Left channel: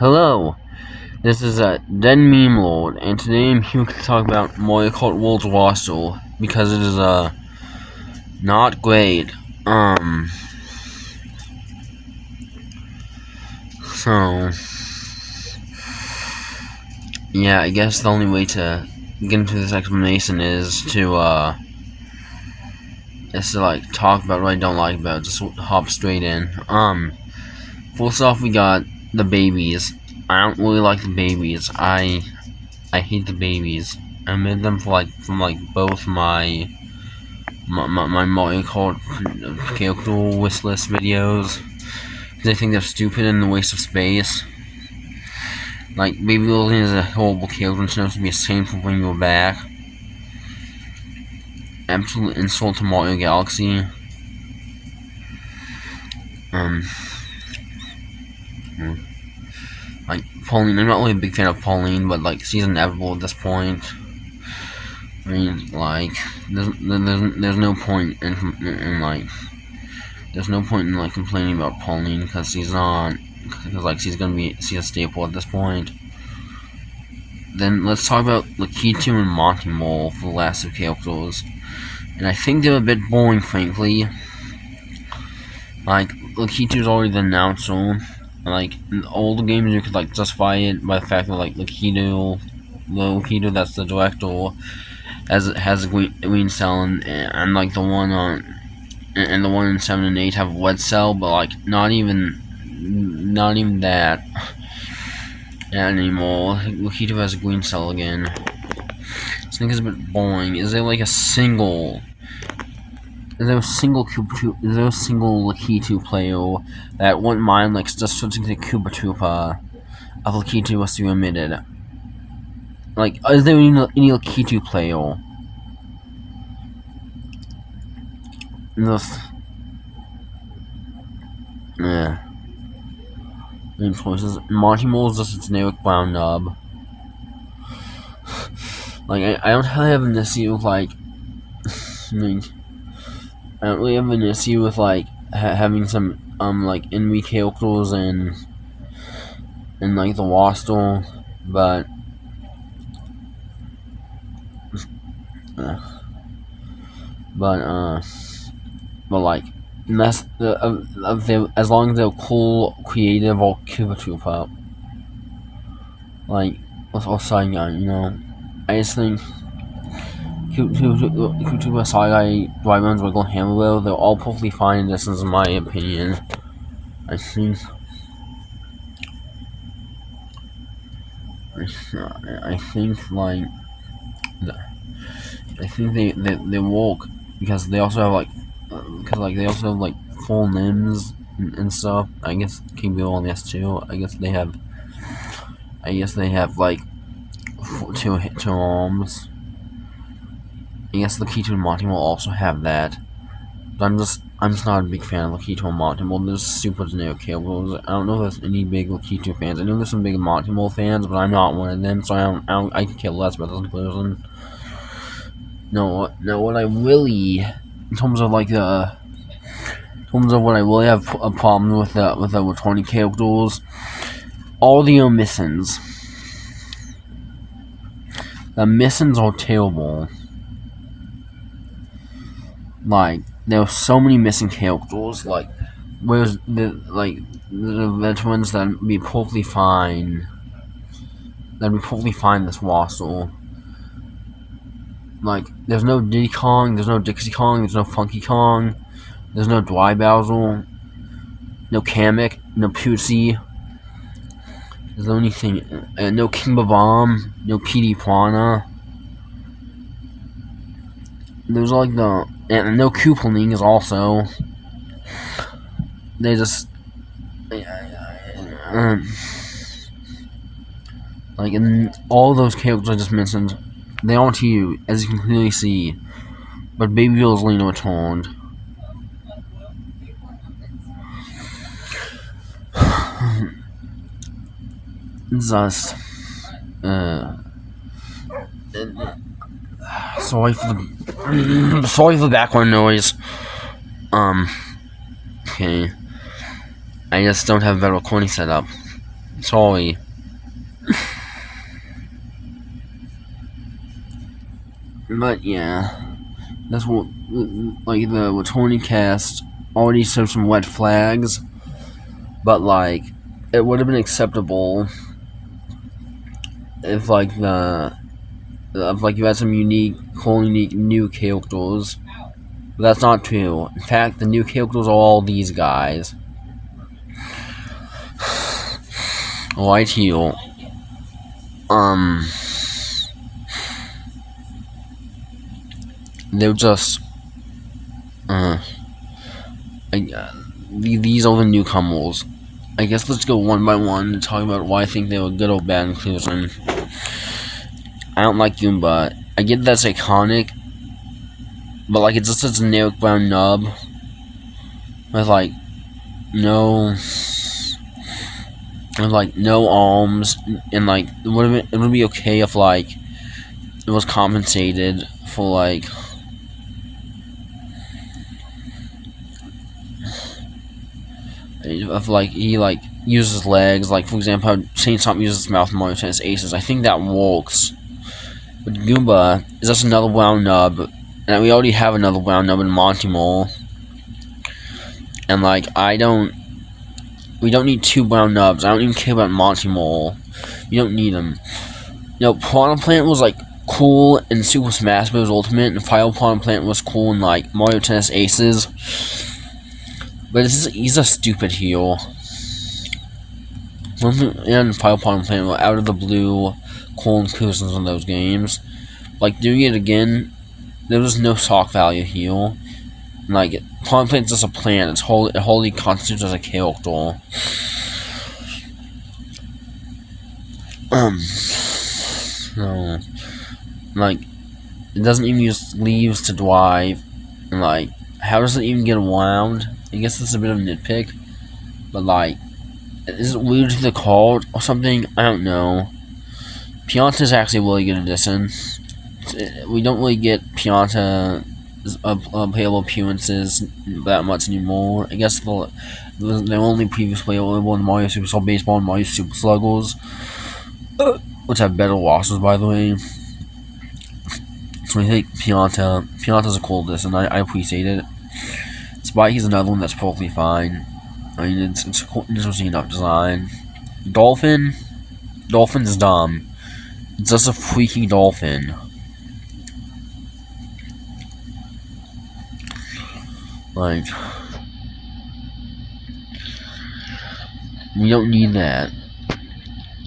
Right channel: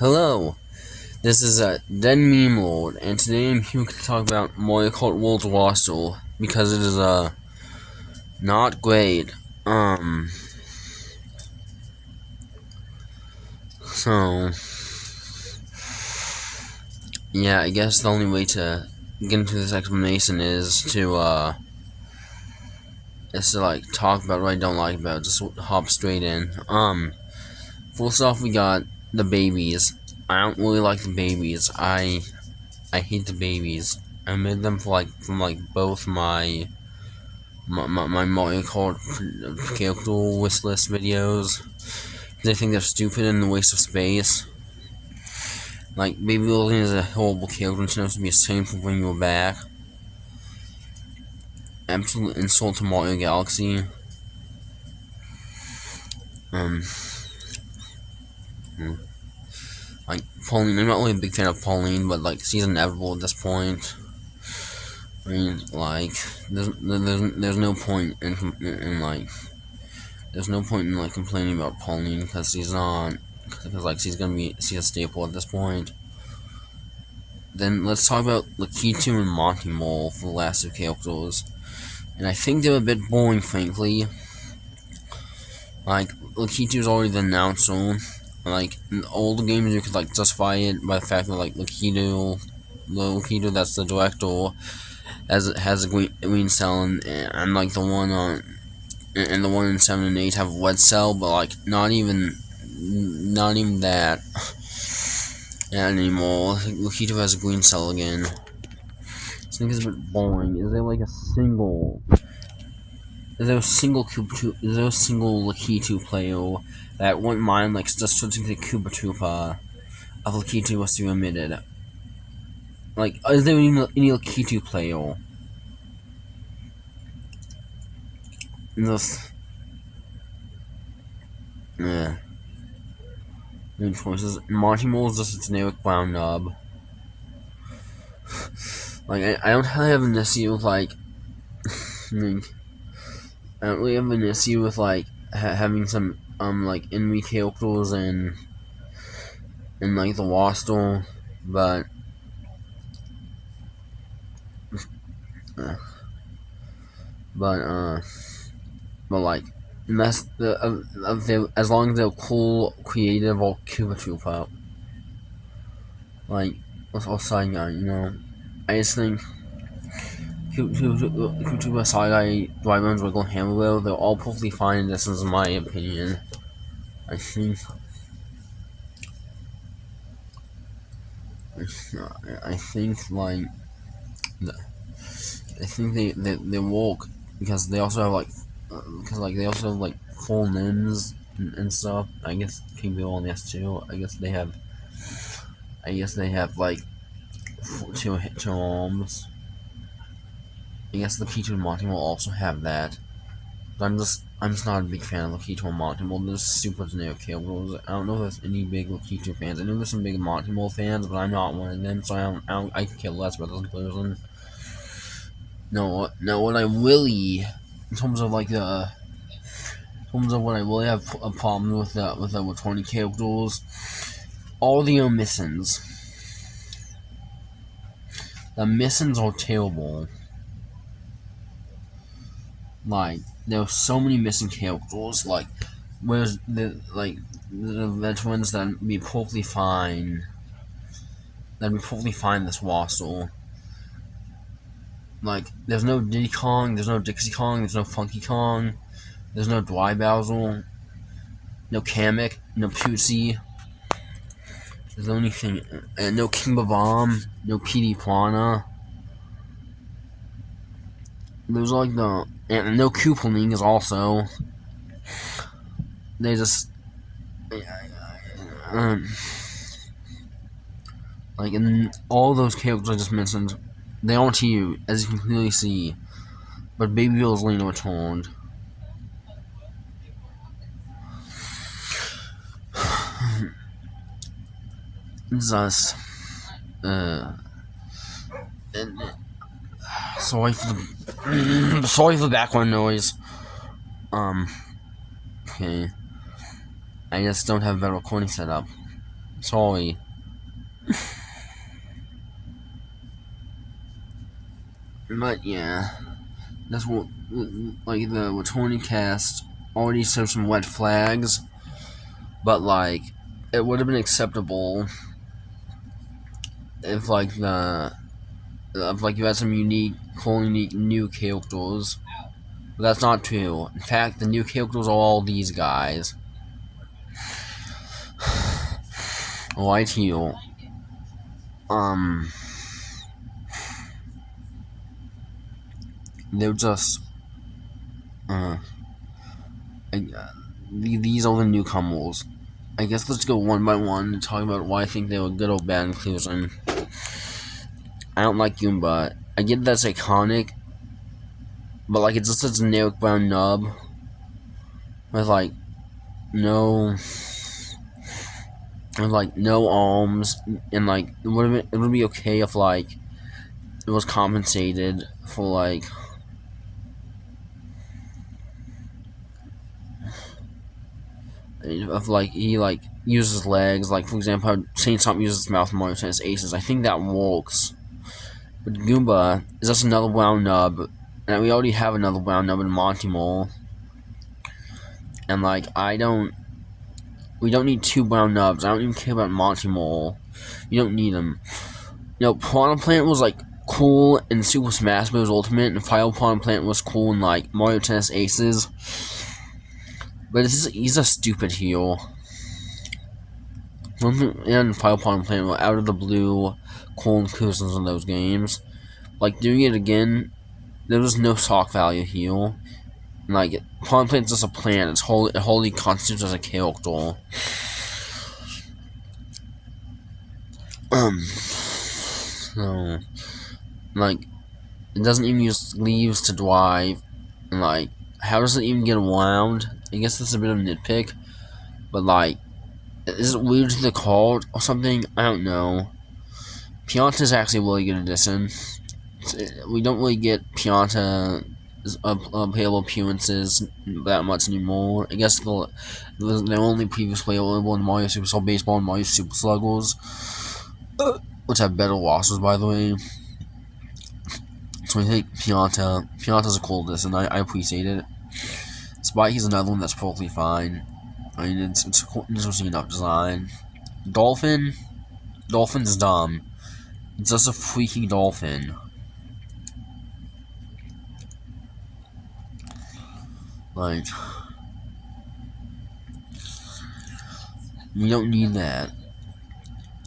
Hello, this is Dead Meme Lord, and today I'm here to talk about Mario Kart World Warstle because it is not great. Um, so yeah, I guess the only way to get into this explanation is to like talk about what I don't like about it, just hop straight in. First off, we got the babies. I don't really like the babies. I hate the babies. I made them from both my Mario Kart character wishlist videos. I think they're stupid and a waste of space. Like, Baby Lillian is a horrible character and she knows to be a saint for bringing her back. Absolute insult to Mario Galaxy. Um, like, Pauline, I'm not really a big fan of Pauline, but like, she's inevitable at this point. I mean, like, there's no point in like, there's no point in like complaining about Pauline because she's a staple at this point. Then let's talk about Lakitu and Monty Mole for the last two characters. And I think they're a bit boring, frankly. Like, Lakitu's already the announcer. Like, in older games you could justify it by the fact that Lakitu, that's the director, has a green cell and like the one on and the one in 7 and 8 have a red cell, but not even that anymore. Lakitu has a green cell again. I think it's a bit boring. Is there a single Lakitu player that wouldn't mind just switching to Koopa Troopa if Lakitu was to be omitted? Is there any Lakitu player? This main choices. Monty Mole is just a generic brown nub. I don't really have an issue with I don't really have an issue with having some enemy characters and the roster, but unless as long as they're cool, creative, or Koopa Troopa. Or Saiyan, I just think Koopa, Saiyan, Dryman's Wiggle, Hammerwheel, they're all perfectly fine in this, in my opinion. I think they work because they also have full limbs and stuff. I guess King Bill on the S2. I guess they have two arms. I guess Lakitu and Monty will also have that. But I'm just not a big fan of Lakitu and Monty. They're super generic characters. I don't know if there's any big Lakitu fans. I know there's some big Monty fans, but I'm not one of them, so I can care less about this person. No, now what I really, in terms of what I really have a problem with the 20 characters, all the omissions. The missions are terrible. There are so many missing characters. Where's the veterans that would be perfectly fine. This roster. There's no Diddy Kong, there's no Dixie Kong, there's no Funky Kong, there's no Dry Bowser, no Kamek, no Pussy. There's no anything. No King Bomb, no PD Piranha. There's and no Koopalings also. They just in all those characters I just mentioned, they aren't you, as you can clearly see. But Baby Lena returned. Just sorry for the background noise. Okay. I just don't have a better recording setup. Sorry. But yeah, that's what, like, the returning cast already showed some red flags, but like, it would have been acceptable if like you had some unique new characters. But that's not true. In fact, the new characters are all these guys. Right here. They're just, these are the newcomers. I guess let's go one by one and talk about why I think they were good or bad inclusion. I don't like Goomba. I get that's iconic, but like it's just a generic brown nub with like no arms, and like it would be okay if like it was compensated for like if like he like uses legs, like for example how Chainsaw uses his mouth more to his aces. I think that works. But Goomba is just another brown nub, and we already have another brown nub in Monty Mole. And like we don't need two brown nubs. I don't even care about Monty Mole. You don't need them. You know, Piranha Plant was like cool in Super Smash Bros. Ultimate, and Fire Piranha Plant was cool in like Mario Tennis Aces. But he's a stupid heel. And Fire Piranha Plant were out of the blue, cool inclusions in those games. Like doing it again, there was no shock value heel. Like Piranha Plant's just a plant. It wholly constitutes as a character. So, like, it doesn't even use leaves to drive. And, like, how does it even get around? I guess that's a bit of a nitpick. But, like, is it weird to the card or something? I don't know. Pianta's actually a really good addition. We don't really get Pianta's playable appearances that much anymore. I guess they're only previously available in Mario Superstar Baseball and Mario Super Sluggers, which have better rosters, by the way. So I think Pianta's a cool addition. I appreciate it. Spikey's another one that's perfectly fine. I mean, it's a cool, interesting enough design. Dolphin's dumb. It's just a freaking dolphin. Like, we don't need that.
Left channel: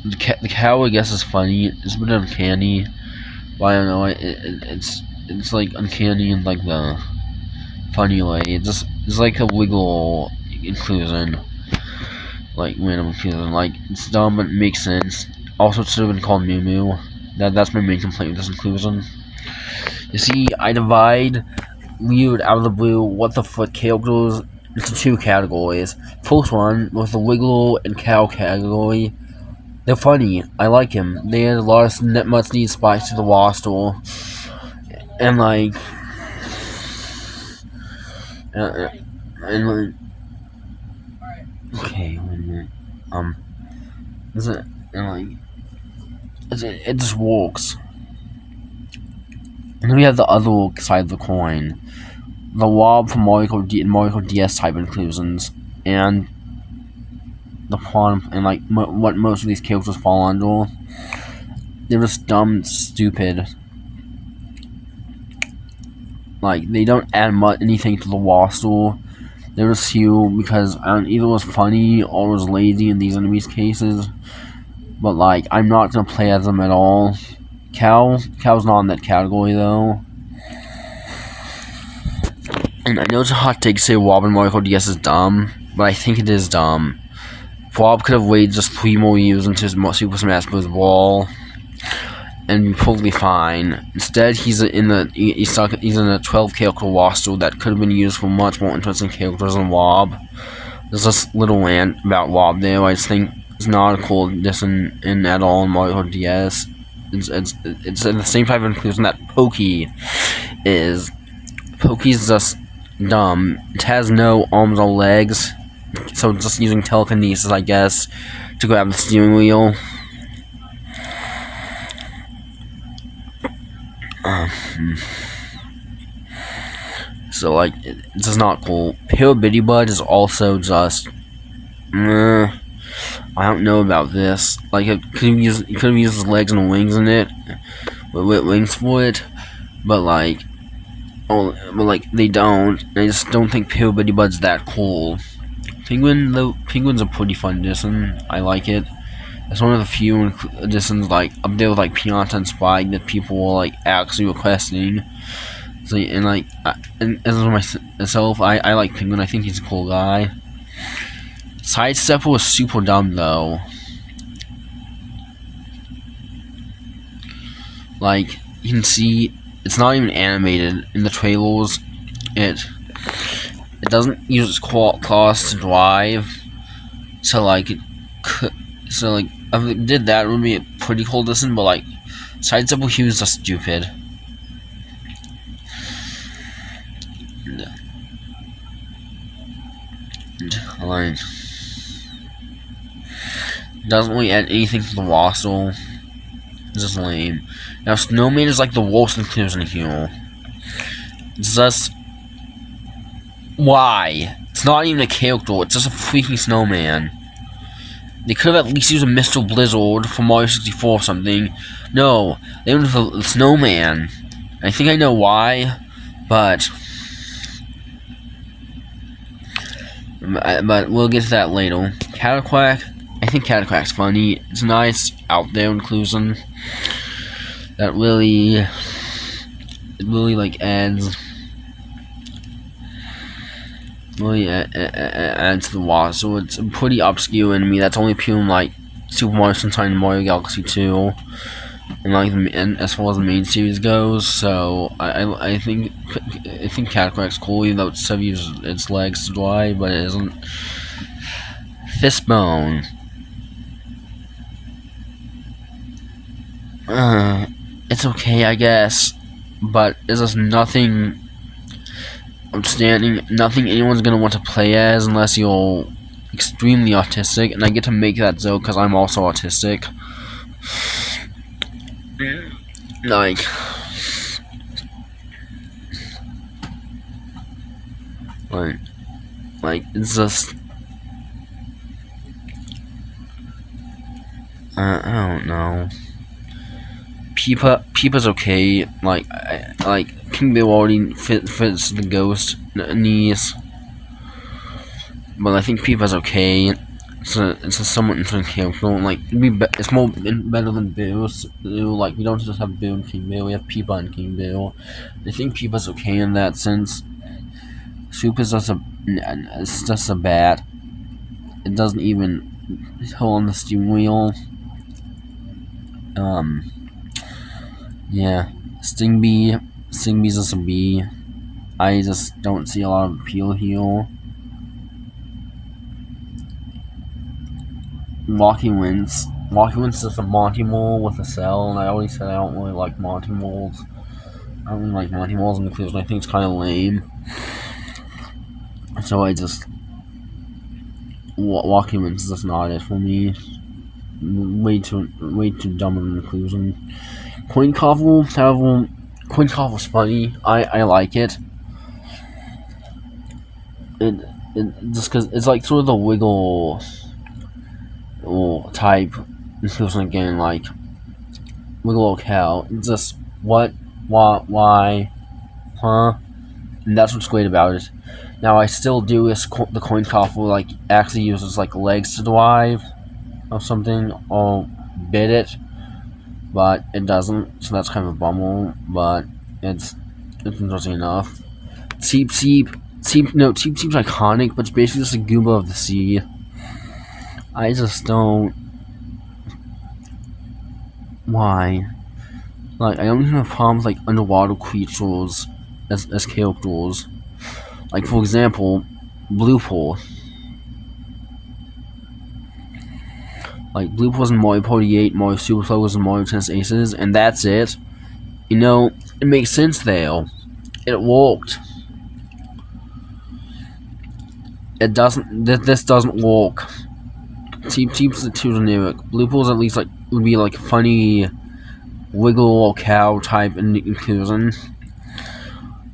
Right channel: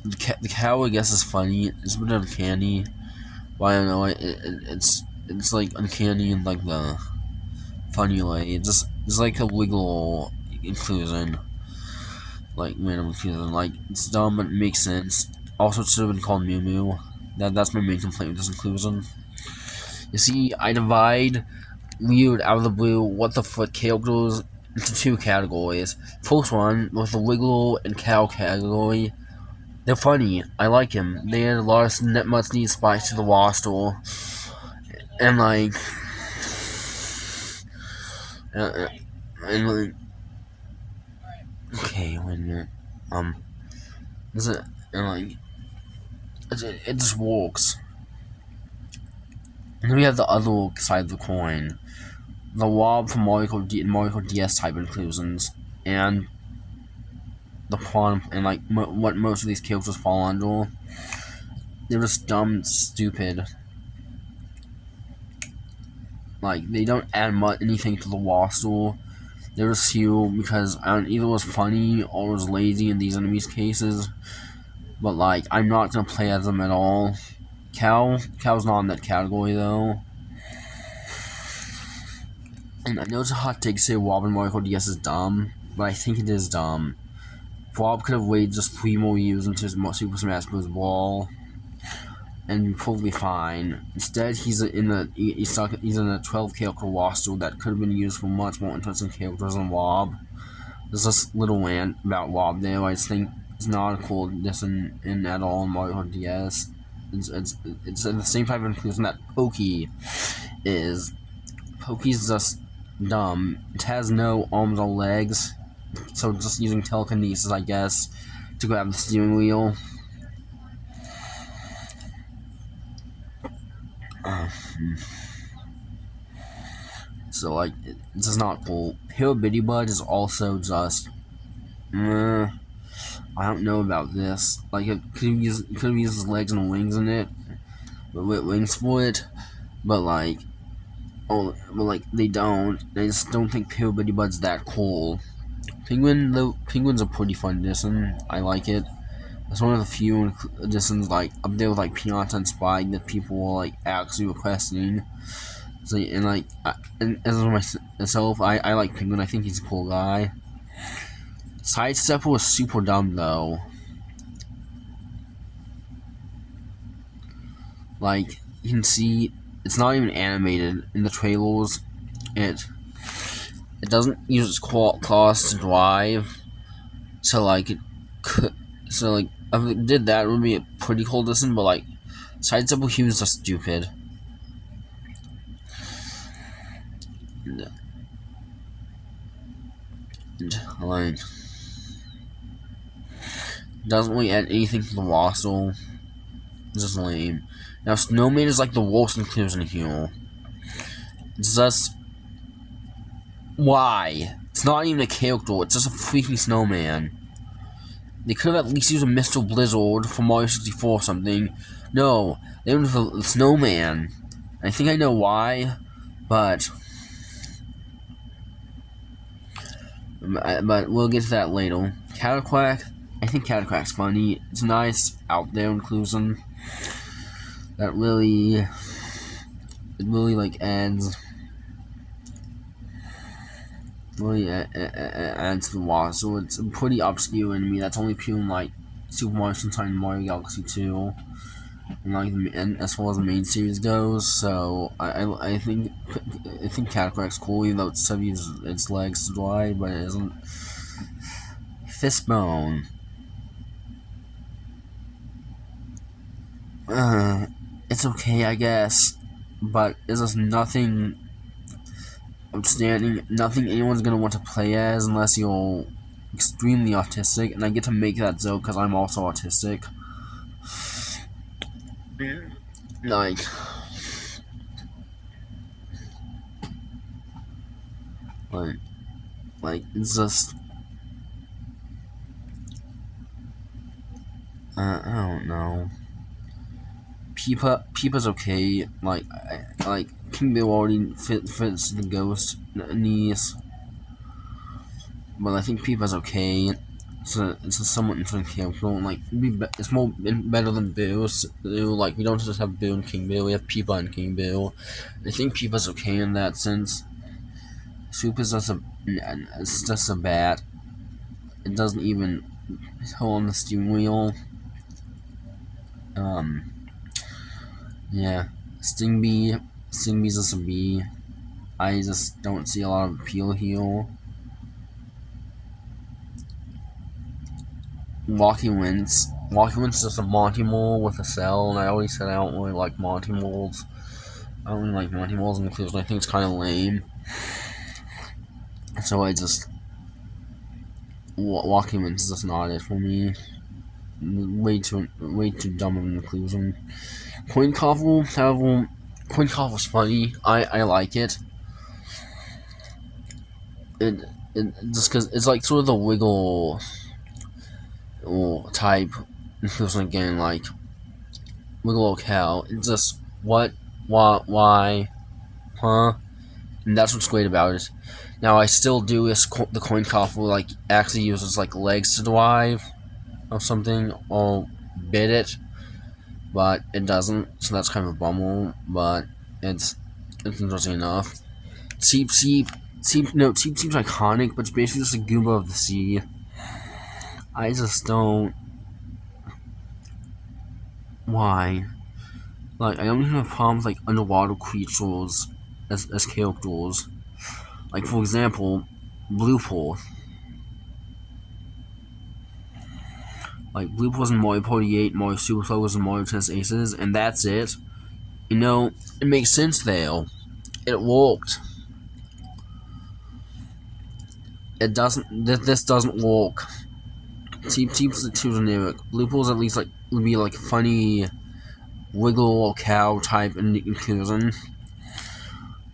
The cow, I guess, is funny. It's a bit uncanny, but I don't know. It's like uncanny in like the funny way. It's like a wiggle inclusion, like random inclusion. Like it's dumb, but it makes sense. Also, it should have been called Moo Moo. That's my main complaint with this inclusion. You see, I divide weird out of the blue what the fuck characters into two categories. First one with the wiggle and cow category. They're funny. I like him. They add a lot of much needed spice to the roster, and like, and okay, wait a minute. It just works. And then we have the other side of the coin, the Wob from Mario DS type inclusions, and the pawn, and like what most of these characters fall under. They're just dumb, stupid. Like they don't add anything to the roster. They're just here because either it was funny or it was lazy in these enemies' cases. But like I'm not gonna play as them at all. Cow's not in that category though. And I know it's a hot take to say Wob and Mario DS is dumb, but I think it is dumb. Wob could have waited just 3 more years into his Super Smash Bros. Brawl and be totally fine. Instead, he's in a 12 character roster that could have been used for much more interesting characters than Wob. There's this little rant about Wob there. I just think it's not a cool addition at all in Mario DS. It's the same type of inclusion that Pokey is. Pokey's just dumb. It has no arms or legs, so just using telekinesis, I guess, to grab the steering wheel. So like, it's just not cool. Pale Bitty Bud is also just, I don't know about this. Like, it could have used his legs and wings in it, with wings for it, but like, they don't. I just don't think Pale Bitty Bud's that cool. Penguin's a pretty fun edition. I like it. It's one of the few editions like up there with like Pianta and Spike that people were like actually requesting. So, and like, and as for myself, I like Penguin. I think he's a cool guy. Sidestepper was super dumb though. Like, you can see, it's not even animated in the trailers. It doesn't use its claws to drive. So like, if it did that, it would be a pretty cool listen. But like, Sidestepper Hughes are stupid. Like, doesn't really add anything to the roster. It's just lame. Now, Snowman is like the worst inclusion here. It's just, why? It's not even a character. It's just a freaking snowman. They could have at least used a Mr. Blizzard from Mario 64 or something. No, they went with the snowman. I think I know why, but we'll get to that later. Cataquack, I think Cataquack's funny. It's a nice out there inclusion that really like adds to the wall. So it's a pretty obscure enemy that's only appearing like Super Mario Sunshine and Mario Galaxy 2, and like as far as the main series goes. So I think Cataquack's cool, even though it still uses its legs to drive, but it isn't. Fistbone. It's okay, I guess, but it's just nothing outstanding, nothing anyone's gonna want to play as unless you're extremely autistic, and I get to make that joke because I'm also autistic. Like it's just, I don't know. Peepa's okay. Like King Bill already fits the ghost needs, but I think Peepa's okay. It's a somewhat interesting character. Like it's more better than Bill. So, like, we don't just have Bill and King Bill. We have Peepa and King Bill. I think Peepa's okay in that sense. Soup is just a bat. It doesn't even hold on the steering wheel. Yeah, Stingbee's just a bee. I just don't see a lot of appeal here. Rocky Wins is just a Monty Mole with a cell, and I always said I don't really like Monty Moles. I don't really like Monty Moles in the clues, and I think it's kind of lame. So I just, Rocky Wins is just not it for me. Way too dumb of an inclusion. Coin Coffle's funny. I like it. It just because it's like sort of the wiggle type inclusion again, like wiggle locale. It's just what, why, huh? And that's what's great about it. Now I still do is the Coin Coffle like actually uses like legs to drive or something, or bid it, but it doesn't, so that's kind of a bummer, but it's interesting enough. Cheep Cheep's iconic, but it's basically just a Goomba of the sea. I just don't, why? Like, I don't even have problems like underwater creatures as characters. Like, for example, Blue Pool. Like, Blue Pool's in Mario Party 8, Mario Superstar was in Mario Tennis Aces, and that's it. You know, it makes sense there. It worked. It doesn't, this doesn't work Seep's too generic. Blue Pool's at least like would be like funny wiggle cow type inclusion.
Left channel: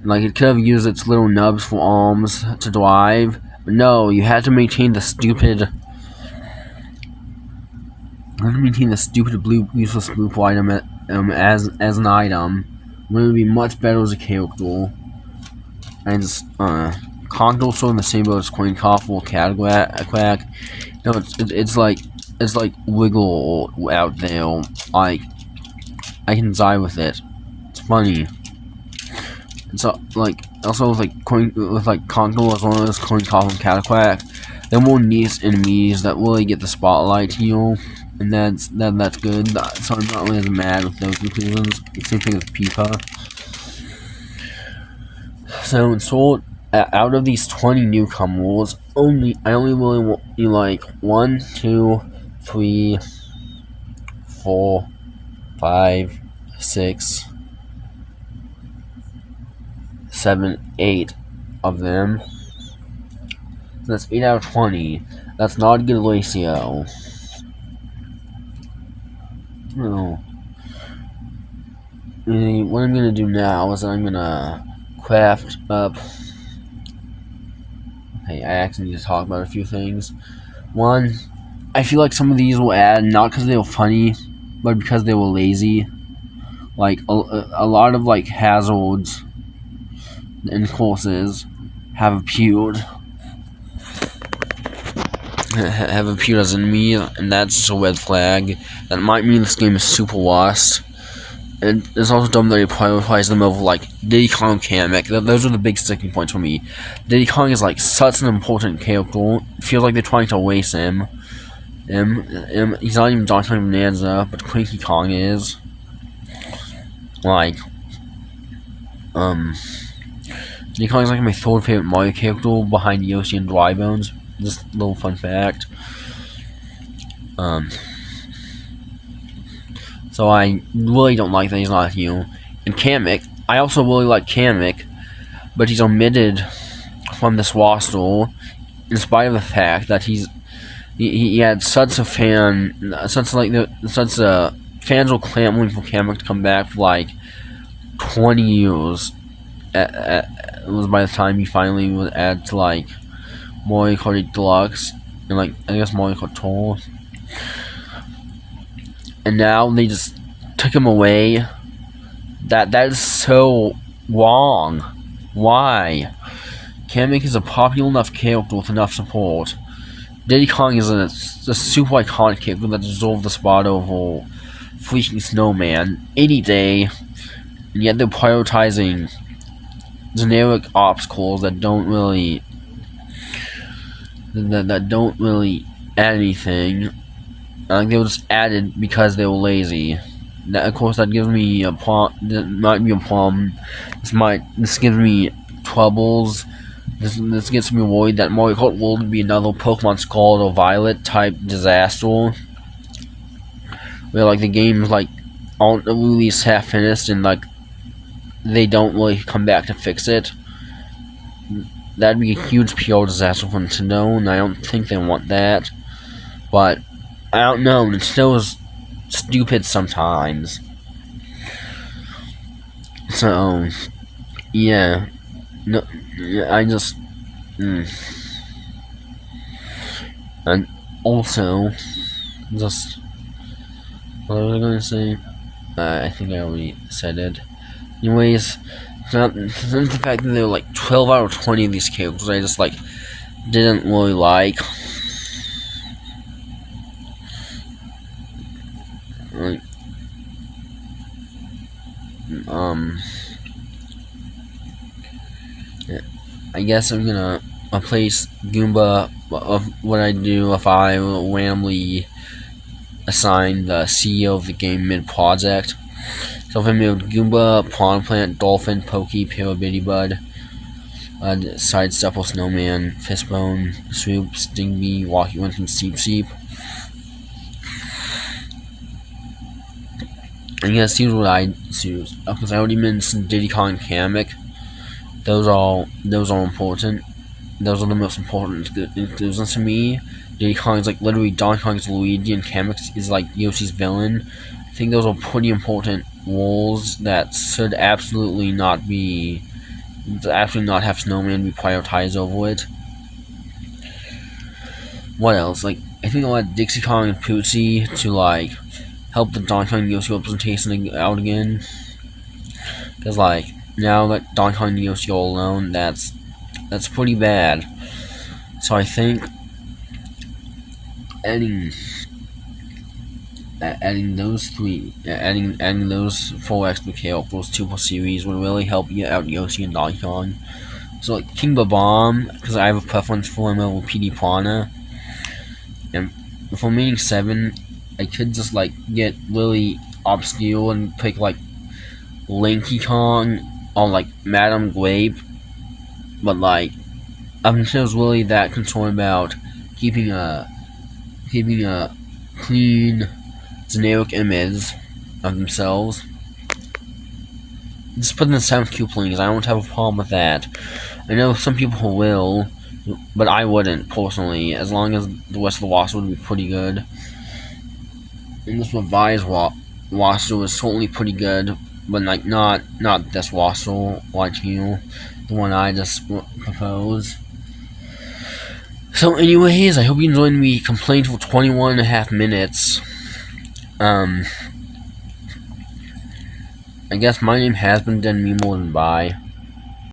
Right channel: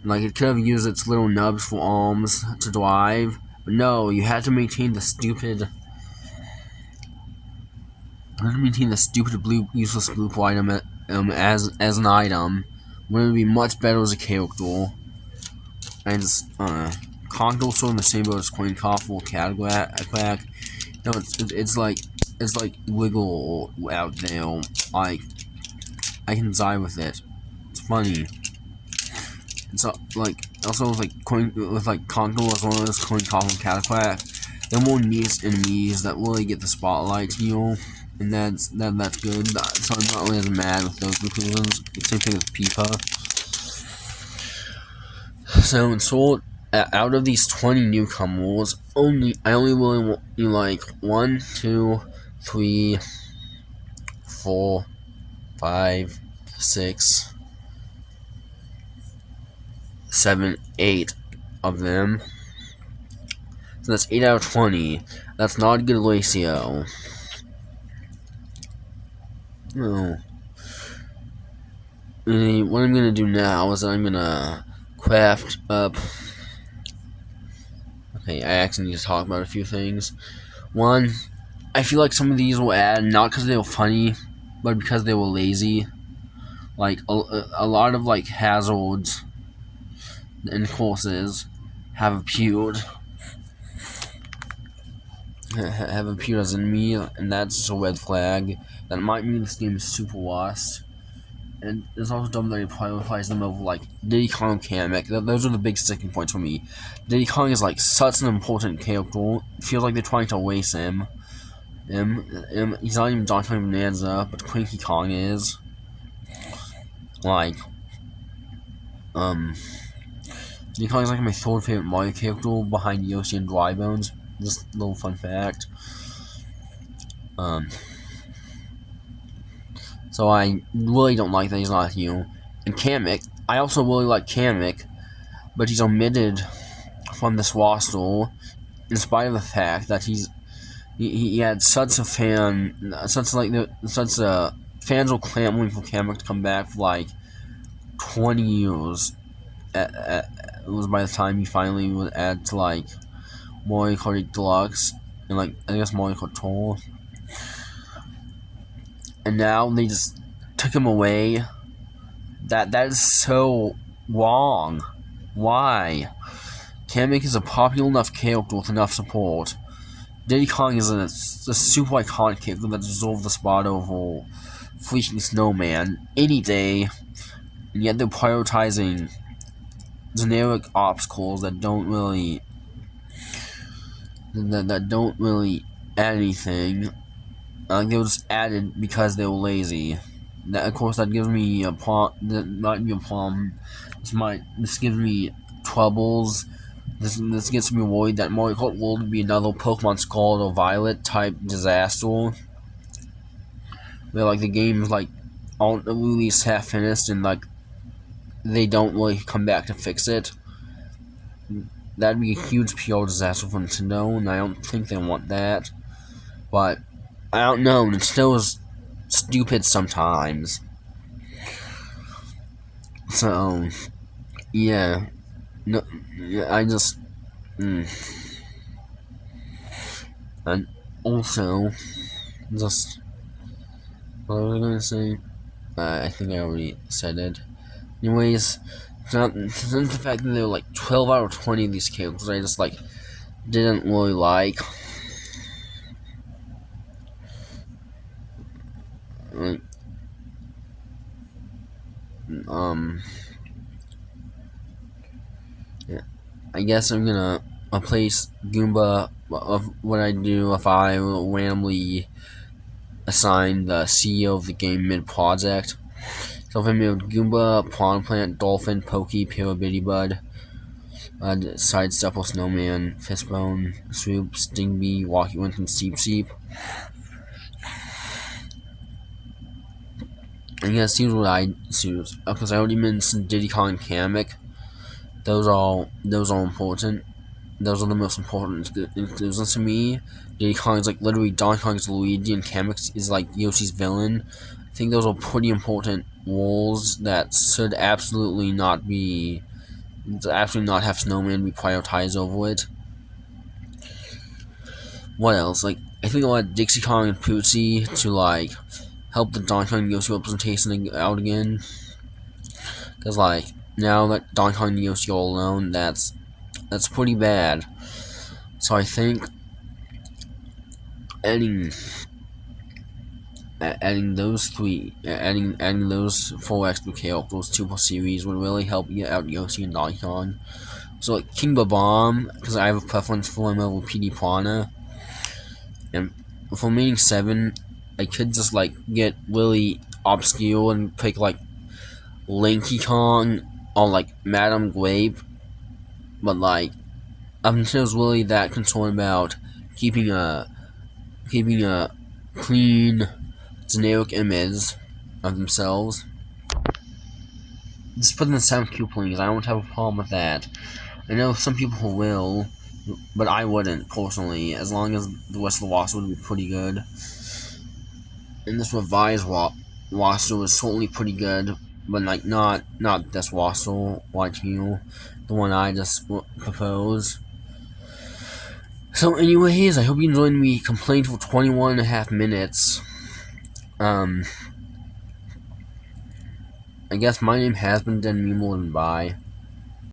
Like it could have used its little nubs for arms to drive, but no, you had to maintain the stupid. You had to maintain the stupid blue useless blue pool item as an item, when it would be much better as a character. And just Congo sort of the same boat as Coin Cough or Quack. No, it's like wiggle out there. Like I can die with it. It's funny. It's like also with Congo as well as Coin Cough and Cataquack. They're more niche enemies that really get the spotlight, and that's good. So I'm not really as mad with those conclusions. Same thing with Peepa. So in short, out of these 20 newcomers, I only really want like 1, 2, 3, 4, 5, 6, 7, 8 of them. So that's 8 out of 20. That's not a good ratio. No. What I'm gonna do now is I'm gonna craft up. Okay, I actually need to talk about a few things. One, I feel like some of these will add not because they were funny, but because they were lazy. Like a lot of like hazards and courses have appeared. Have appeared as enemy, and that's just a red flag. That might mean this game is super lost. And it's also dumb that they prioritize them over like Diddy Kong Kamek. Those are the big sticking points for me. Diddy Kong is like such an important character. It feels like they're trying to waste him. He's not even Donkey Kong Bonanza, but Cranky Kong is. Like, Diddy Kong is like my third favorite Mario character behind Yoshi and Dry Bones. Just a little fun fact. So I really don't like that he's not here. And Kamek, I also really like Kamek, but he's omitted from this roster in spite of the fact that he had such a fans were clamoring for Kamek to come back for like 20 years. It was by the time he finally was added to like Mario Kart 8 Deluxe and like I guess Mario Kart Tour. And now they just took him away. That is so wrong. Why? Kamek is a popular enough character with enough support. Diddy Kong is a super iconic character that deserves the spot over freaking Snowman any day, and yet they're prioritizing generic obstacles that don't really add anything. They were just added because they were lazy. Of course, that gives me a problem. That might be a problem. This gives me troubles. This gets me worried that Mario Kart World would be another Pokemon Scarlet or Violet type disaster, where like the games like aren't really half finished and like they don't really come back to fix it. That'd be a huge PR disaster for Nintendo, and I don't think they want that. But I don't know. It still is stupid sometimes. So yeah, no, I just and also just what was I going to say? I think I already said it. Anyways, since the fact that there were like 12 out of 20 of these characters, I just like didn't really like. I guess I'm gonna replace Goomba of what I do if I randomly assign the CEO of the game mid-project. So if I made Goomba, Prawn Plant, Dolphin, Pokey, Parabitty Bud, Sidestepper, Snowman, Fistbone, Swoop, Stingbee, Walkie Wink, and Seep Seep. I guess here's what I choose. Because I already mentioned Diddy Kong and Kamek. Those are important. those are the most important inclusions to me. Diddy Kong is like literally Donkey Kong is Luigi and Kamek is like Yoshi's villain. I think those are pretty important roles that should absolutely not have Snowman be prioritized over it. What else? Like, I think I'll add Dixie Kong and Pootsie to like help the Donkey Kong and Yoshi representation out again. Because like now that Donkey Kong and Yoshi are alone, that's pretty bad. So I think adding those four extra characters to the series would really help you out Yoshi and Donkey Kong. So like King Babam, because I have a preference for him over PD Piranha. And for remaining 7, I could just like get really obscure and pick like Lanky Kong or like Madame Grape. But like I'm just really that concerned about keeping a clean, generic image of themselves. Just put in the sound cue, please. I don't have a problem with that. I know some people will, but I wouldn't personally. As long as the rest of the roster would be pretty good. And this revised roster was certainly pretty good, but like not this roster like you, the one I just proposed. So anyways, I hope you enjoyed me complaining for 21.5 minutes. I guess my name has been dead me more than bye.